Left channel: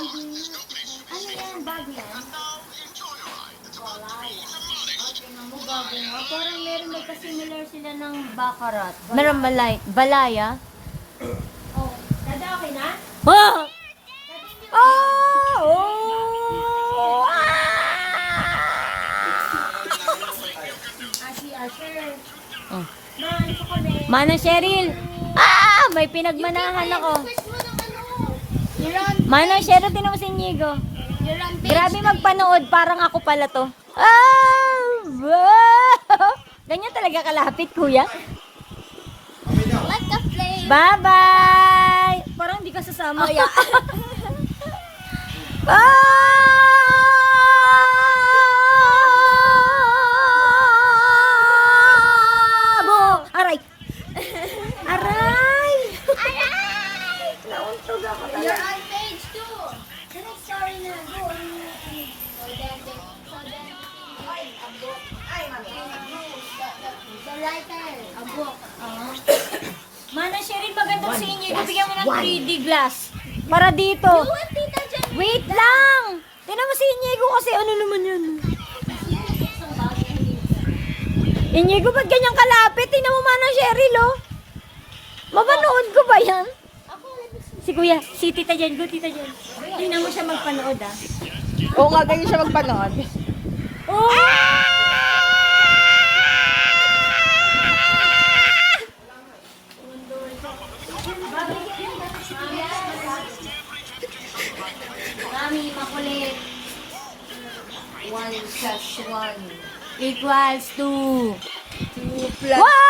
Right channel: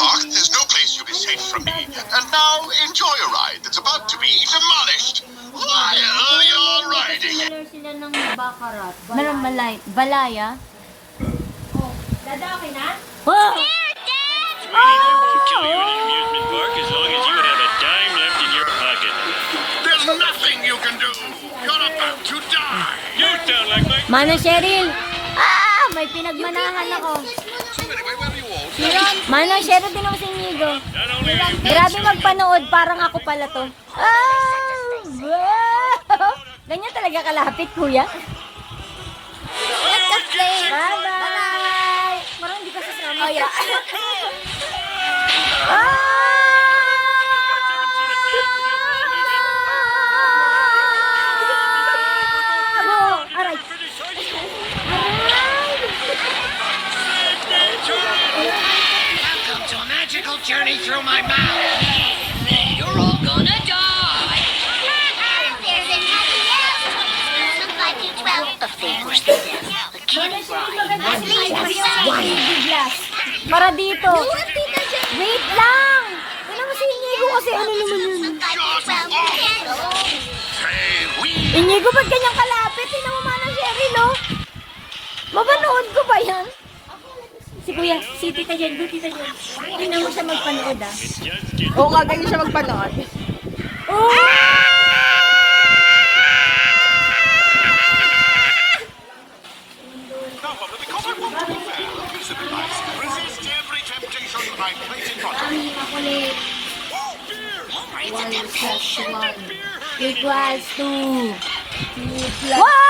Park, there's no place you'll be safe from me. And now, enjoy a ride that's about to be demolished while you're riding. Similar sila ng Baccarat. Meron balaya? Oh, dada okay na? Wow! Amusement park as long as you have a dime left in your pocket. There's nothing you can do. You're about to die. You sound like my Manang Cheryl! May pinagmanahan ako. Manang Cheryl, din ako si Inigo. Grabe magpanood, parang ako pala to. Wow! Ganyan talaga kalapit, kuya. Bye-bye! Parang hindi ka sasama. Aray! Welcome to a magical journey through my mouth. You're all gonna die. The thing was the Para dito. Wait lang! Tignan mo si Inigo kasi ano naman yun. Inigo, ba't ganyang kalapit? Tignan mo Manang Cheryl, oh. Mapanood ko ba yan? Si Kuya, si Tita Jen, Tita Jen. Tignan mo siya magpanood, ah. Oo nga, ganyan siya magpanood. Kami makulit. 1 plus 1 equals 2. 2 plus Wow!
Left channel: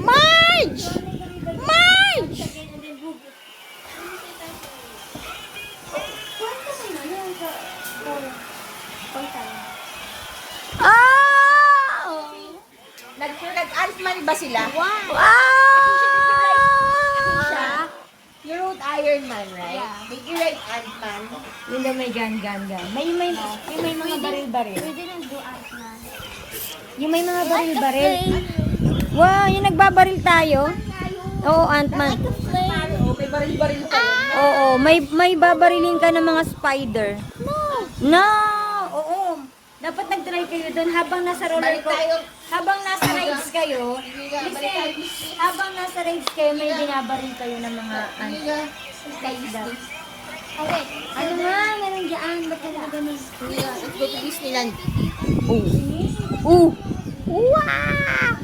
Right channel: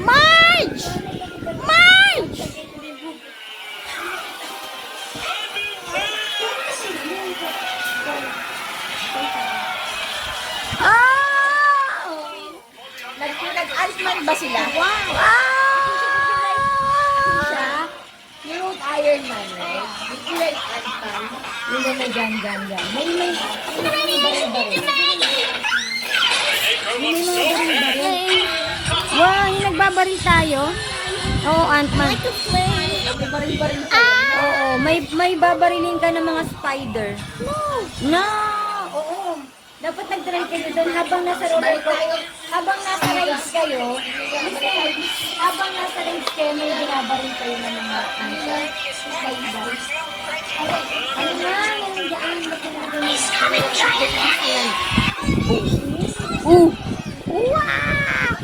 Marge! Marge! Nag-Altman ba sila? yung Iron Man, right? Yung like Ant-Man, yung na may gun. May baril-baril. May mga baril-baril. Wow, yung nagbabaril tayo. Oo, Ant-Man. May baril-baril pa yun. Oo, may babarilin ka ng mga spider. No! Oo. Dapat nag-try kayo doon habang nasa roller coaster. Habang nasa rides kayo, habang nasa rides kayo, may binabaril kayo ng mga spider. Ano nga, meron dyan. Ba't na nagamis ko? Wow!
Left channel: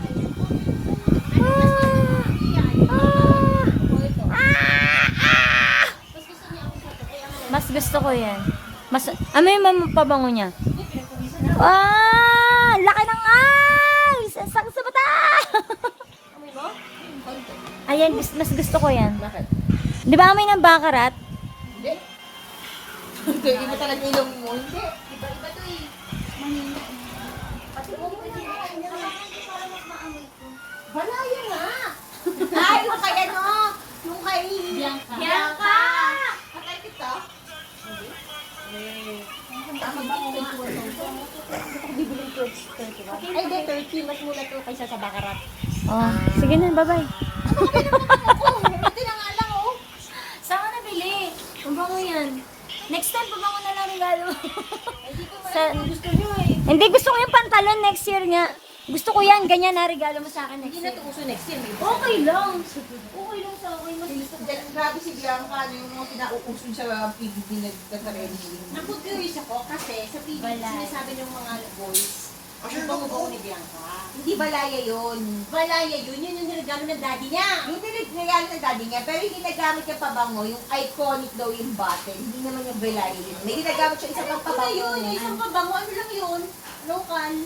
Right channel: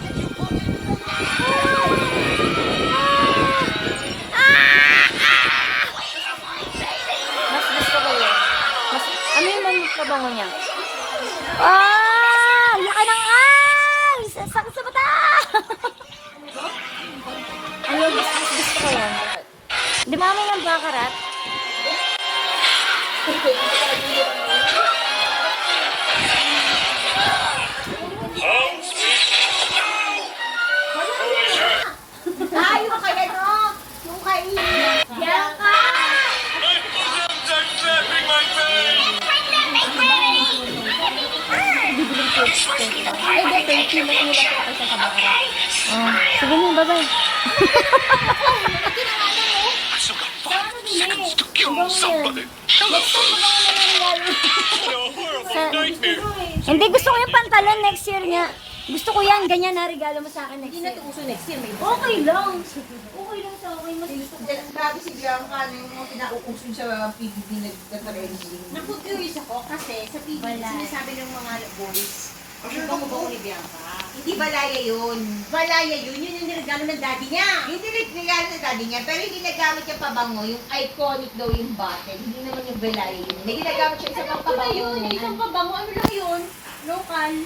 Mas gusto ko yan. Ano yung mapabango niya? Laki ng eyes! Sakit sa mata! Ayun, mas gusto ko yan. Di ba kami ng Baccarat? Ay, yung kaya no? Yung kay Bianca! Oh, sige na, bye-bye. Sana bili. Ang bango yan. Next time, babango na namin lalo. Hindi, gusto ko yung pantalon next year nga. Gusto ko yan, ganyan na regalo mo sa akin next Hindi na year. ito uso next year. Okay lang. Okay lang sa akin. Mas gusto ko. Grabe si Bianca, ano yung mga pinauusun sa PBB nagkakaroon. Naku-curious ako kasi sa TV, sinasabi ng mga boys, yung bango-bango ni Bianca. Hindi balaya yun. Balaya yun. Yun yung niregalo ng daddy niya. Yung tinigregalo ng daddy niya, pero hindi nagamit yung pabango, yung iconic daw yung bottle. Hindi naman yung belay yun. May ginagamit siya isang Ano na pabango. yun? Isang pabango. Ano lang yun? Local.